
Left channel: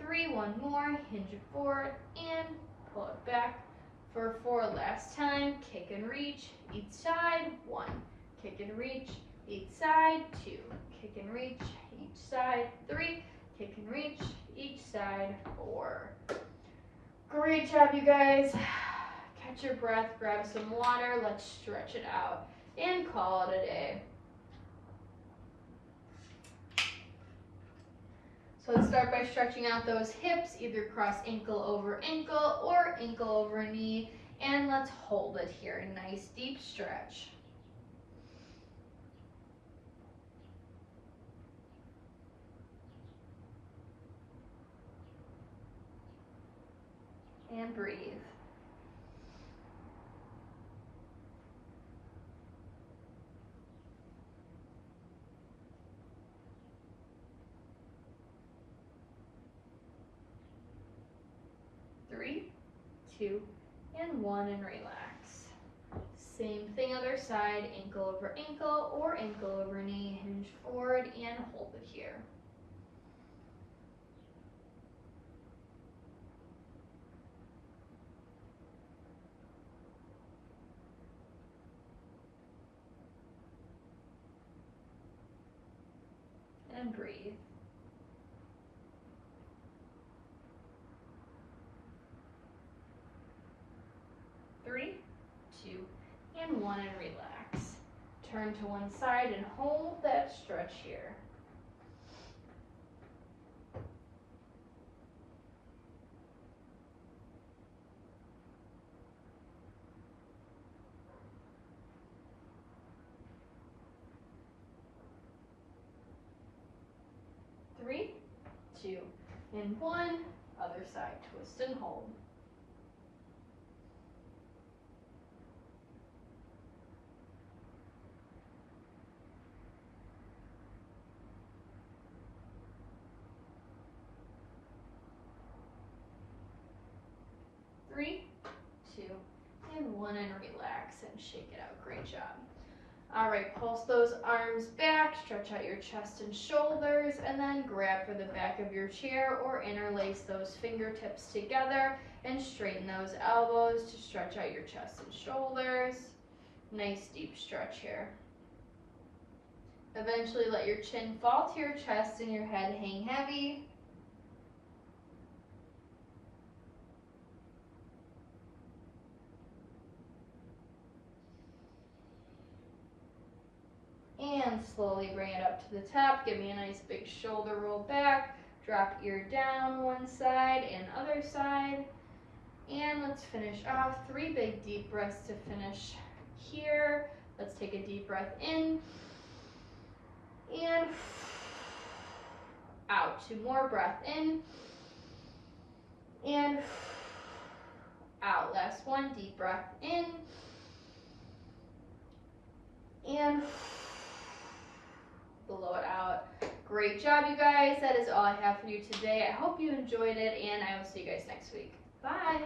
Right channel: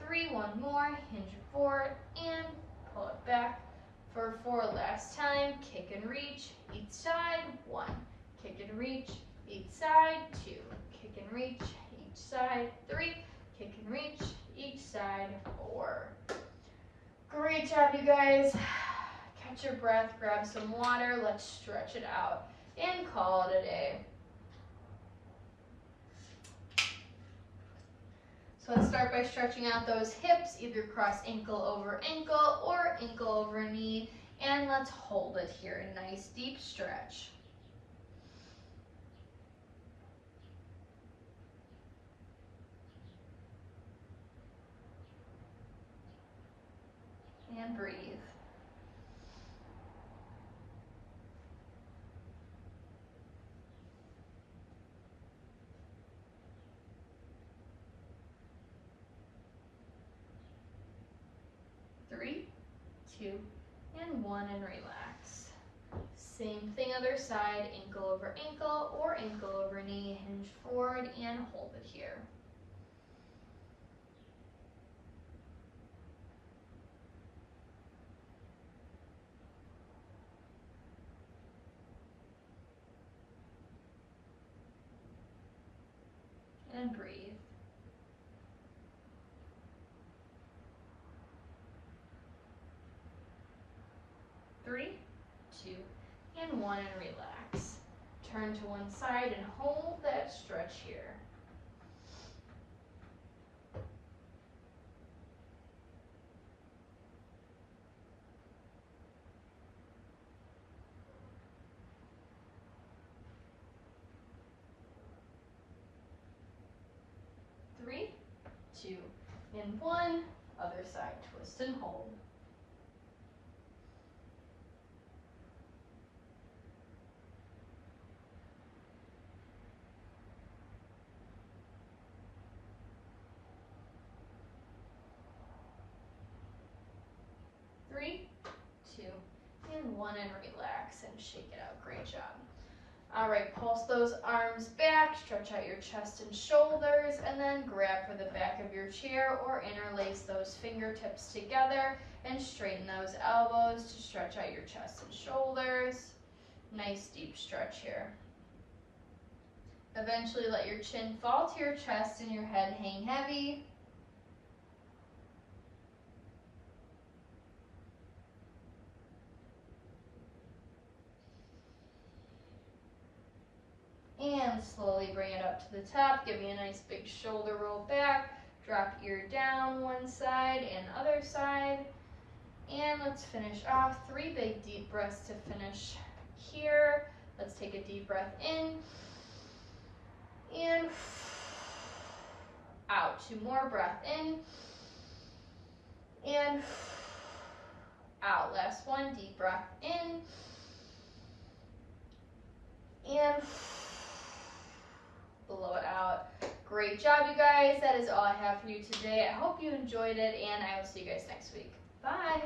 3, 1 more. Hinge it forward and pull it back for 4. Last time. Kick and reach each side. 1. Kick and reach each side. 2. Kick and reach each side. 3. Kick and reach each side. 4. Great job, you guys. Catch your breath, grab some water, let's stretch it out, and call it a day. So let's start by stretching out those hips, either cross ankle over ankle or ankle over knee, and let's hold it here. Nice deep stretch. And breathe. Three, 2, and 1, and relax. Same thing other side, ankle over ankle or ankle over knee, hinge forward and hold it here. And breathe. 3, 2, and 1, and relax. Turn to one side and hold that stretch here. Three, 2, and 1. Other side, twist and hold. Three, 2, and 1, and relax and shake it out. Great job. All right, pulse those arms back, stretch out your chest and shoulders, and then grab for the back of your chair or interlace those fingertips together and straighten those elbows to stretch out your chest and shoulders. Nice deep stretch here. Eventually let your chin fall to your chest and your head hang heavy. And slowly bring it up to the top. Give me a nice big shoulder roll back. Drop ear down one side and other side. And let's finish off. 3 big deep breaths to finish here. Let's take a deep breath in. And out. 2 more, breath in. And out. Last one, deep breath in. And blow it out. Great job, you guys. That is all I have for you today. I hope you enjoyed it, and I will see you guys next week. Bye.